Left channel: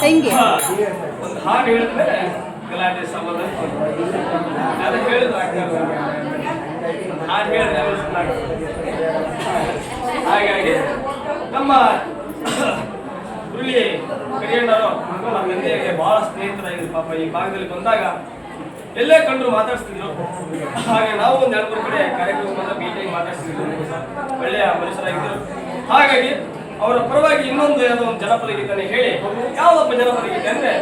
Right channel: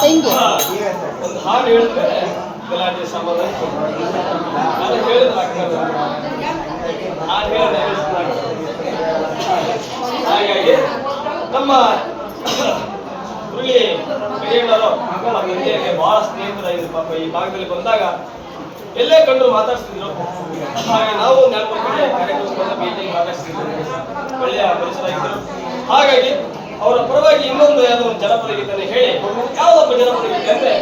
ಹೆಂಗೆ ಒಂದು ಹಾಡು ಹೇಳಿದ್ರೆ ಗಲಾಟೆ ಸಂಬಂಧ. ನಾನು ಹೇಳಿದ್ರೆ ಆಗ್ತದೆ ಹಾಡು ಹಾಗಾಗಿ ನಮ್ಮ ಹುಲಿ ಹಿರಿಯಣ್ಣರು ನಮ್ಮ ತಂದೆಗೆ ಬಹಳ ಸ್ನೇಹಿತರಾಗಿದ್ರು. ಪಾಪ ಈ ಭಾಗದಲ್ಲಿ ಬಂದಾಗ ಎಲ್ಲೇ ಕಂಡು ಮಾತಾಡಿಸ್ತಿದ್ರು. ಹಾಗೆ ನಾವು ನಾಲ್ಕು ಕಡೆ ಕಾರ್ಯಕ್ರಮದ ಮೀಟಿಂಗ್ ಮಾತಾಡ್ತಿದ್ರು ಒಳ್ಳೆಯ ಮನುಷ್ಯರಾಗಿದ್ದರು ಹಾಗಾಗಿ ಅವರ ಪರವಾಗಿ ಇನ್ನೊಂದು ಯಾವುದೋ ಒಂದು ಜನಪದ ಗೀತನೆ ಹೇಳಿ, ಯಾವುದಪ್ಪ ಜನಪದ ಗೀತೆ ಅಂದ್ರೆ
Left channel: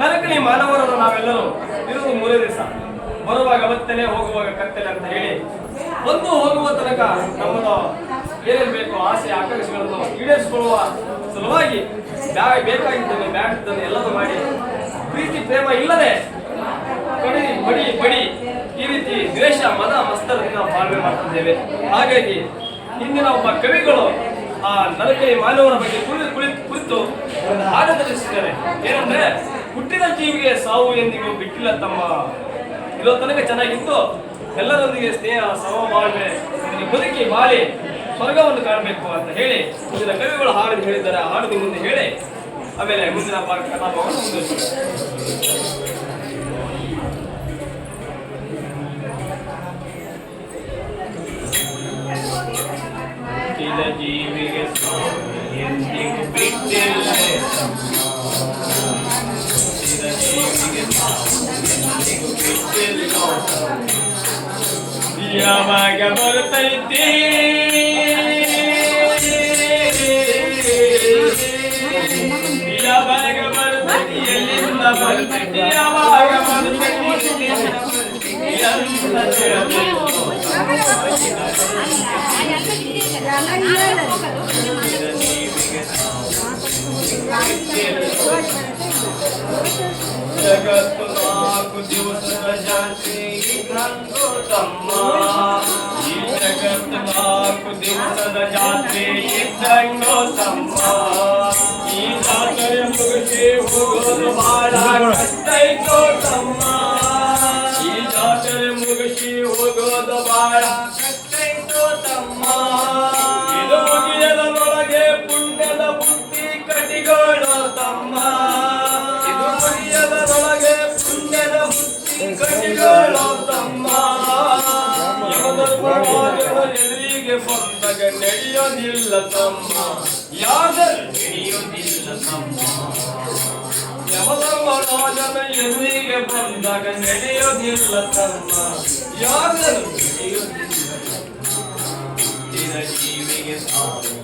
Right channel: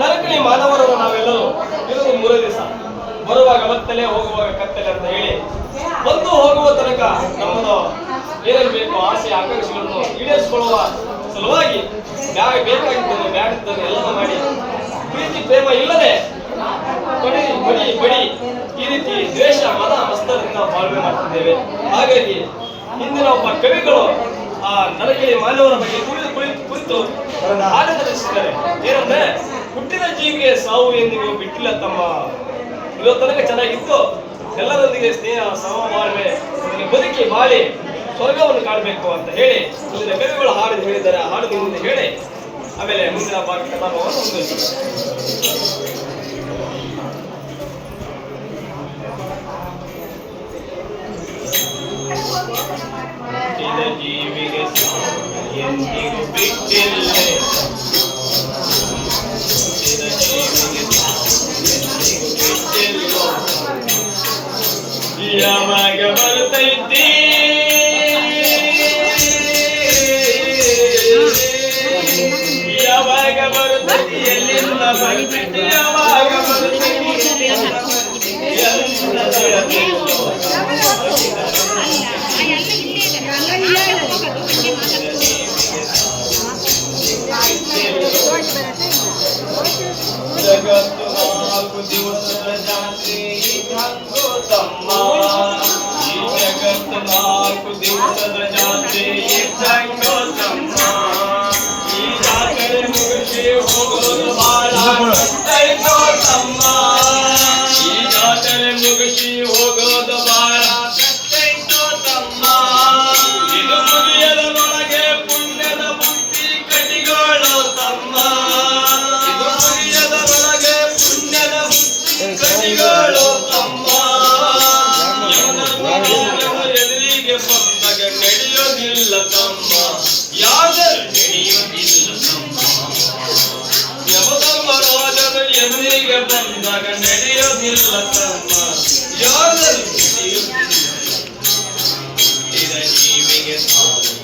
ನರಕಣಿ ಮಾನವರವರು ನಾವೆಲ್ಲರೂ ಇದು ಮೂರೇ ದಿವಸ ಬರುವಾಗ ಒತ್ತಲೆ ಹೋಗುವಾಗ ಕತ್ತಲೆ ಅಂತ ಹೇಳಿ, ಬಂದು ಹೋಗುವ ತನಕ ನಮ್ಮ ಏನೇನು ಬೇಕು ಆಸೆ, ಆಕಾಂಕ್ಷೆಗಳನ್ನು ಈಡೇರಿಸಿಕೊಳ್ಳುವ ಸಲುವಾಗಿ ಬೇಕಾಗಿದ್ದನ್ನು, ಬ್ಯಾಡಿದ್ದನ್ನು ಎಲ್ಲವೂ ಮಾಡಿ, ಪ್ರೀತಿ, ಪ್ರೇಮ ಇಲ್ಲದೆ ಬಡಿ ಬಡಿ ಬಡಿ ಈ ರೀತಿ ದ್ವೇಷ, ಮದ ಮಸ್ತರದಿಂದ ಬಾಳ್ವೆ ಮಾಡ್ತಿದ್ದೇವೆ. ಹಾಗಾಗಿ ಇಂದಿನ ಒಬ್ಬ ಕವಿಗಳು ಆ ನರಕಲಿ ಮಾನವರ ಬಗ್ಗೆ ಕುಳಿತು ಕುಳಿತು ಹಾಡು ರಚಿಸಿದ್ದಾರೆ ಏನಂದ್ರೆ ಹುಟ್ಟಿದ ಜೀವಿಗೆ ಸಾವು ಎಂದಿಗೂ ಬಿಟ್ಟಿಲ್ಲ ತಮ್ಮ. ಇರೋ ಚೆನ್ನಾಗಿತ್ತು. ಎಲ್ಲರೊಂದಿಗೆ ಸ್ನೇಹ, ಸಮಬಾಳ್ವೆ ಒಂದಿಗೆ ಬದುಕಿ ಬಾಳಿ, ಸ್ವರ್ಗವನ್ನು ಕಾಣಬೇಕು ಅಂತ ಹೇಳಿ ಮುಂದಿನ ಕವಿಗಳು ಹಾಡು ಹೇಳಿದ್ದಾರೆ. ಹಾಡಿದ ಹಾಡು ಮುಂದೆ ಹೇಳಿ. ಆಮೇಲೆ ಮುಂದಿನ ಭಾಗ ಕಲಾಪವನ್ನು ಮುಂದುವರಿಸ್ತಾರೆ ಯಾವಾಗ ಬರುತ್ತೈತಿ ಯಾವಾಗ ಬರುತ್ತೈತಿ ಎಲ್ಲಿಂದ ಬರುತ್ತೈತಿ ಯಾವಾಗ ಬರುತ್ತೈತಿ ನಾಲ್ಕು ದಿವಸದ ಜಾತಿ ಇದ್ದಂಗೋ ತಮ್ಮ ಈ ಜಗತ್ತು ನಾಲ್ಕು ದಿವಸದ ಜಾತಿ ಇದ್ದಂಗೋ ತಮ್ಮ ಈ ಜಾತ್ರೆ ಮುಗಿಸಿ ಹೋಗೋದು ಬಾಳ ಕಷ್ಟೈತೋ ತಮ್ಮ ಈ ಜಾತ್ರೆ ಮುಗಿಸಿ ಹೋಗೋದು ಬಾಳ ಕಷ್ಟೈತೋ ತಮ್ಮ ಇದು ಮುಗಿಯದನೊಳಗೆ ಪುಣ್ಯದ ಬುದ್ಧಿ ಕಟಿಗೋಳೋ ತಮ್ಮ Your love is the biggest heart.